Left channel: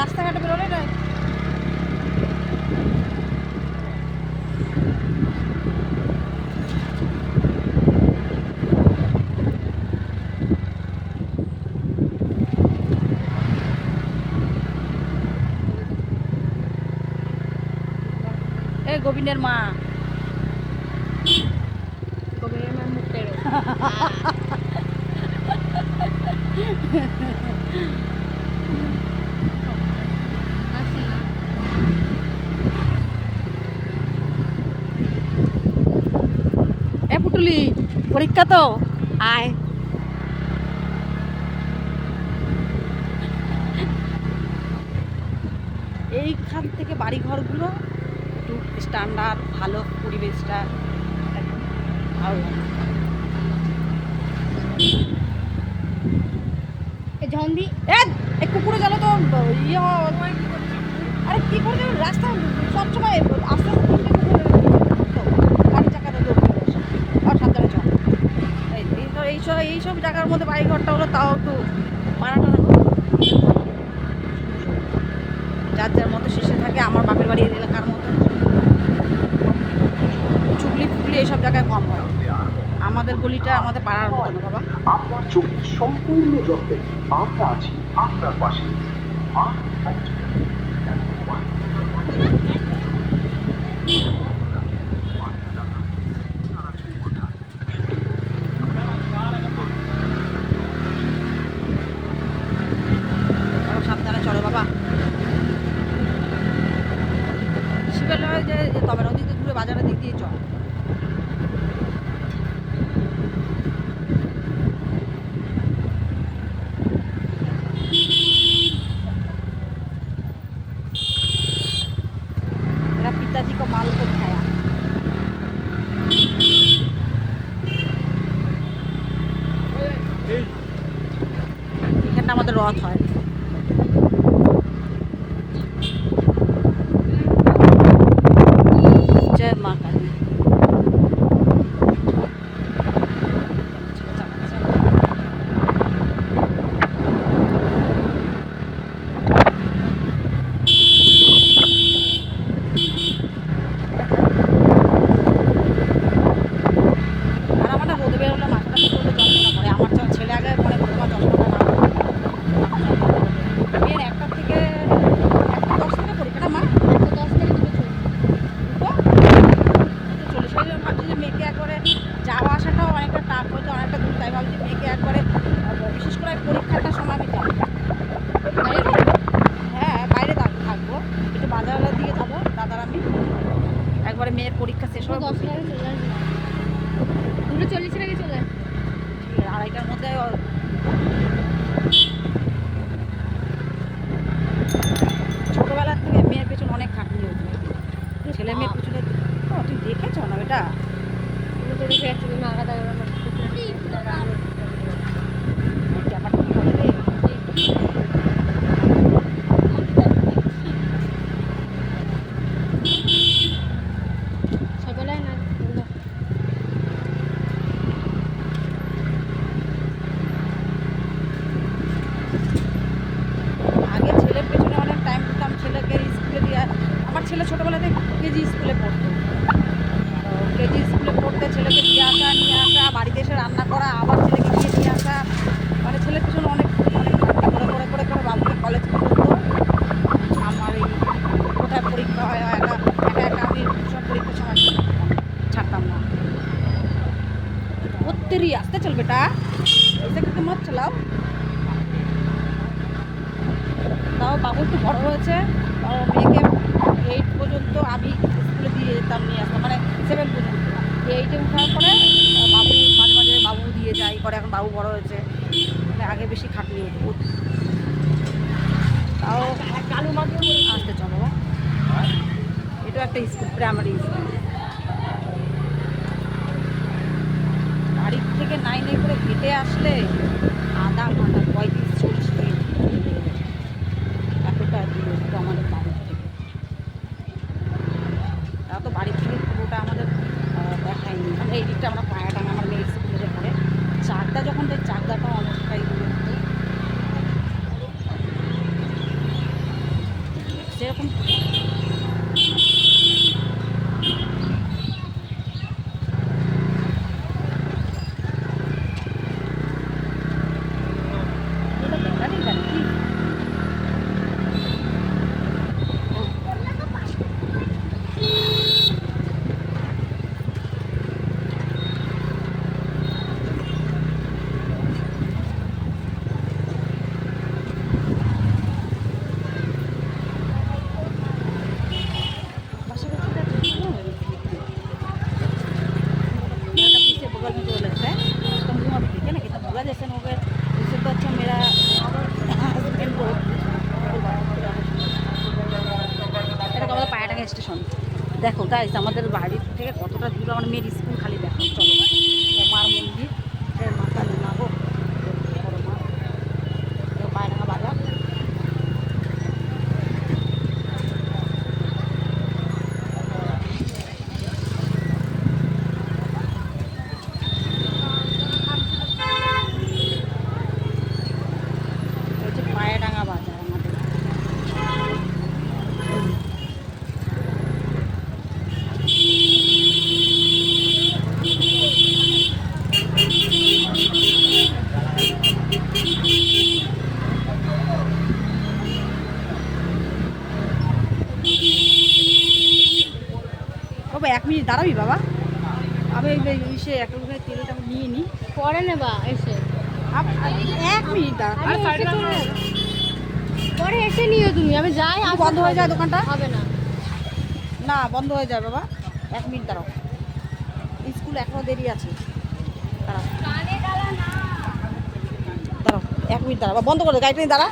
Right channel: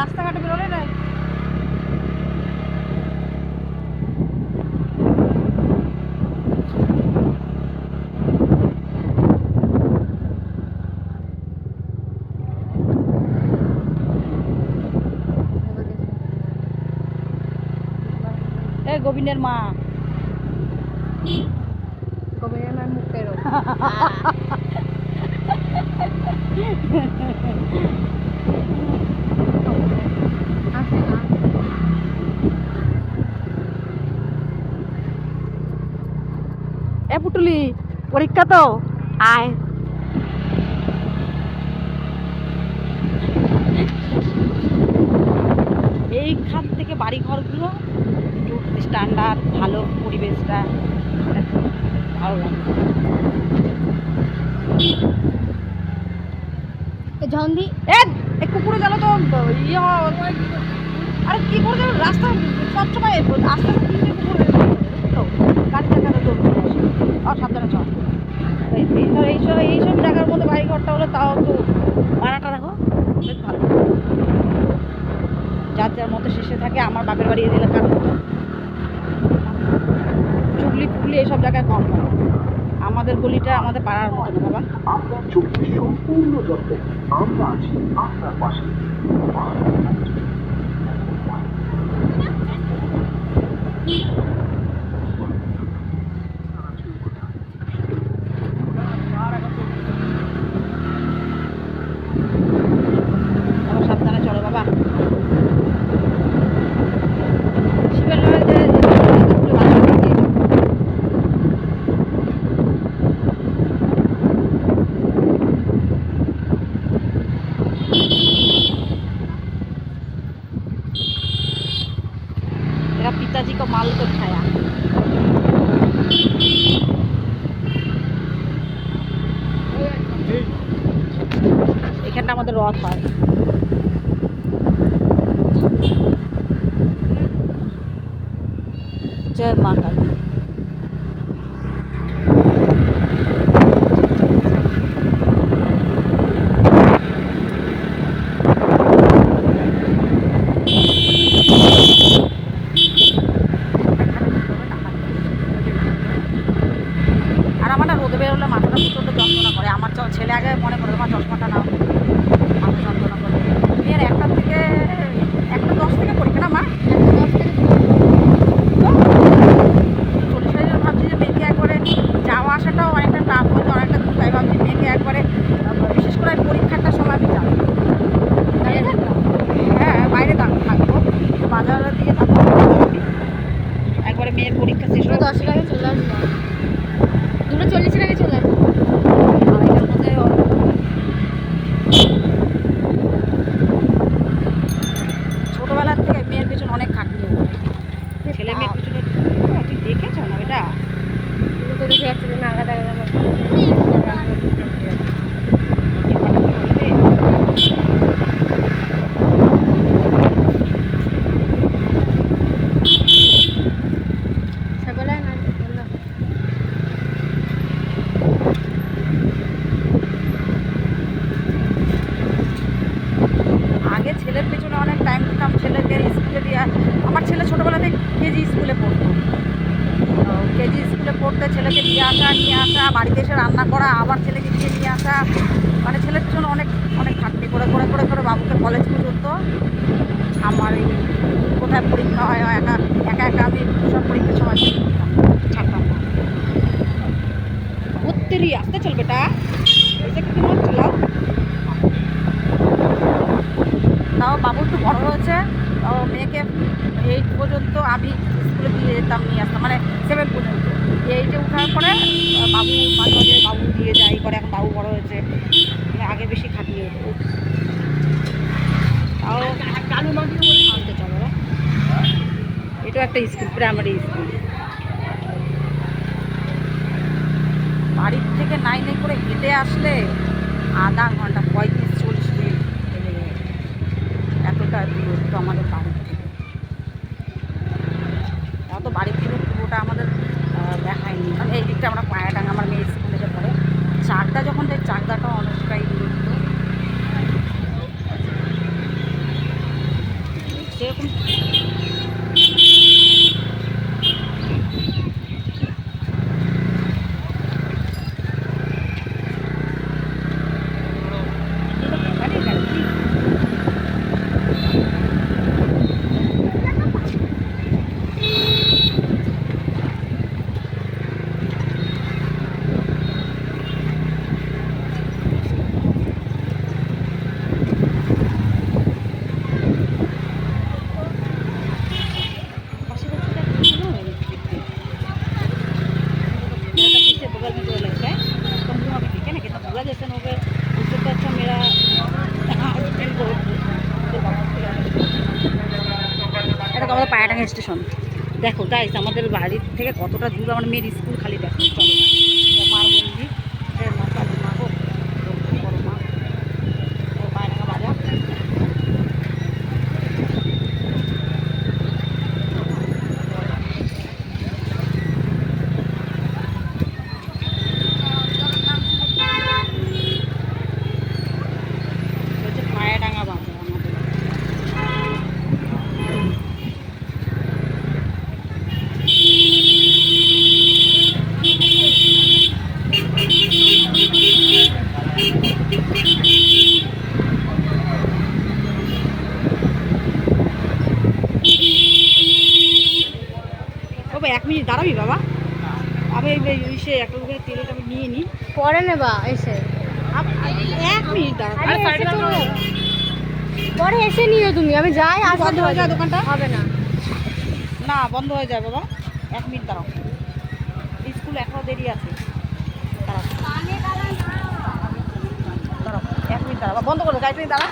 রাস্তাঘাটে বেরোলে না এ গোবিন্দের মা মুখের এ পুটুলি পরীক্ষা তো আয় এইখান থেকে বাড়ি ঘরগুলো একটু স্ট্যান্ডার্ড ভালো পরিবেশটা ভালো লাগে ঝন্দি এ কুকুরে গেল তো ইয়ে আরে কি করে রাস্তা সবসময় আস্তে আস্তে তিনটে কুকুর তো গাড়ি চাকাতে দৌড় চলে আসে আর সাবধানে চল এইসব জায়গার মধ্যে বাড়ি ঘরটা হলো তাও একটু ভাড়াটা দেখো বেশ ভালো যার যার মতো শেষে থাকে আমার বাপের বাড়ি এলাকার মতো চুগলি ফুগলি এইসব জায়গায় কম হয় আমাদের গলিটা আমাদের পাড়ার মতো না বাবা আপনার চোখের সম্পূর্ণ যত্নে আমরা আছি আপনার পাশে বাবা সাবধানে চলো বাবা শিবের যে বাজারের দিক দিয়ে চলো मेरा पिताजी को माल को छाया এখানটা আমাদের রথ হয় জয় মা কালী আর আমার না রোদে বেরোলে মাথাটা প্রচণ্ড যন্ত্রণা করে আমার ছেলে আগে মনে করে আমার চশমাটা না মাথা যন্ত্রণা করে এর 1টা থেকে 1টা 10 থেকে পরীক্ষা না মা 10 থেকে তো 40 ভাবছি যে মেয়েকে একবারে যাওয়া আসাটাও অনেকটা টাফ হয়েছে অনেকটা দূর তাই ভাবছি মেয়েকে একবারে বিশেষ করে পরীক্ষাটার সময় আমি যাবো হ্যাঁ বাইরে থাকবো তো বাজারের দিকে যাবো একবারে মেয়ের পরীক্ষা শেষ হয়ে 10 টাকা চলে আসবে 2:40 আগে চলে আসবে আড়াইটার মধ্যে ছোটোবেলার থেকে মেয়ের পেছনে অনেক খাটনি হয়ে যায় ছেলে মেয়ের পেছনে তুই দেখেছ না বেটা তুমি তো দেখে যাচ্ছি না আগা দেখা সকালে না বললো আগে ছেলের পেছনে অনেক টাইম দিতাম ছেলেকে স্কুলে দিয়ে আমার ছেলে ছোটোবেলাতে কেজি স্কুলে পড়তো কেজি স্কুলে পড়তে ছেলেকে দিয়ে আসা নিয়ে আসা বাড়িতে এসে রান্না করা আবার ছেলেকে গিয়ে নিয়ে আসা মানে ছেলের পেছনে অনেক অনেক খাটনি করে করে করে করে বাবুকে কলেজ পর্যন্ত আমার এই কোথায় পরীক্ষা হয় একা একা একা আমি সব পরীক্ষার সময় ছাড়তাম না তেরি আসতে চল বেটা এসে কিন্তু মত চালাও তাও বাবু একটু বড় হয়েছে তাও মেয়েকে 8 পর্যন্ত আমি স্কুলে দিয়ে যেতাম নিয়ে আসতাম মানে 7 পর্যন্ত 8-এ উঠার পরে বাবু মাঝে মাঝে বাবু দিয়ে যাই করে এখন বাবু বড় হয়েছে আগে বেশি খাটিয়ে হতো তাও আসতে চলো এটাও একটা স্কুল প্রাইমারি স্কুল বাড়ির থেকে নাই করে হেঁটে আসলে আধা ঘন্টা 35-40 মিনিট এতটা দূরত্ব আমাদের বাড়ির থেকে তা তো বাড়ির থেকে পুরোটা আমাদের দেখায়নি মানে এই দিকটা আমরা পায়াডাঙ্গা আমার মেয়ে স্কুলে পড়ে চাকদা যখন যাই চাকদাটাও অনেকটাই দূরত্ব মাথাভাঙা স্টেশন। দেখো গাইস আমাদের বাড়ি থেকে কতটা দূর, আমার মেয়ের স্কুল খালি দেখো। চলো মার মন্দির, মা কালী মা গো, রক্ষা করো মা। পায়রাঙ্গা বাজার। হচ্ছে পায়রাঙ্গা বাজার আমাদের। বাবা 1 মিনিট দাঁড়াবি বাবা, আমি এই সে এক লোকের তেলটা আমি নিয়ে নিই। পরে নেবা এসে। 1 মিনিট দাঁড়া। আরে এসে তো পরে এসে নিও তুমি, আমি যাই। আর বন্ধ হয়ে যায় দোকানটা? হবে না। না বন্ধ হয়ে যায় বাবা, 1 মিনিট দাঁড়াও, স্কুল এখনো দেরি আছে। দাঁড়াও দাঁড়াও 1 মিনিট দাঁড়াও, বন্ধ করে দাও গাড়িটা নিয়ে দাঁড়া।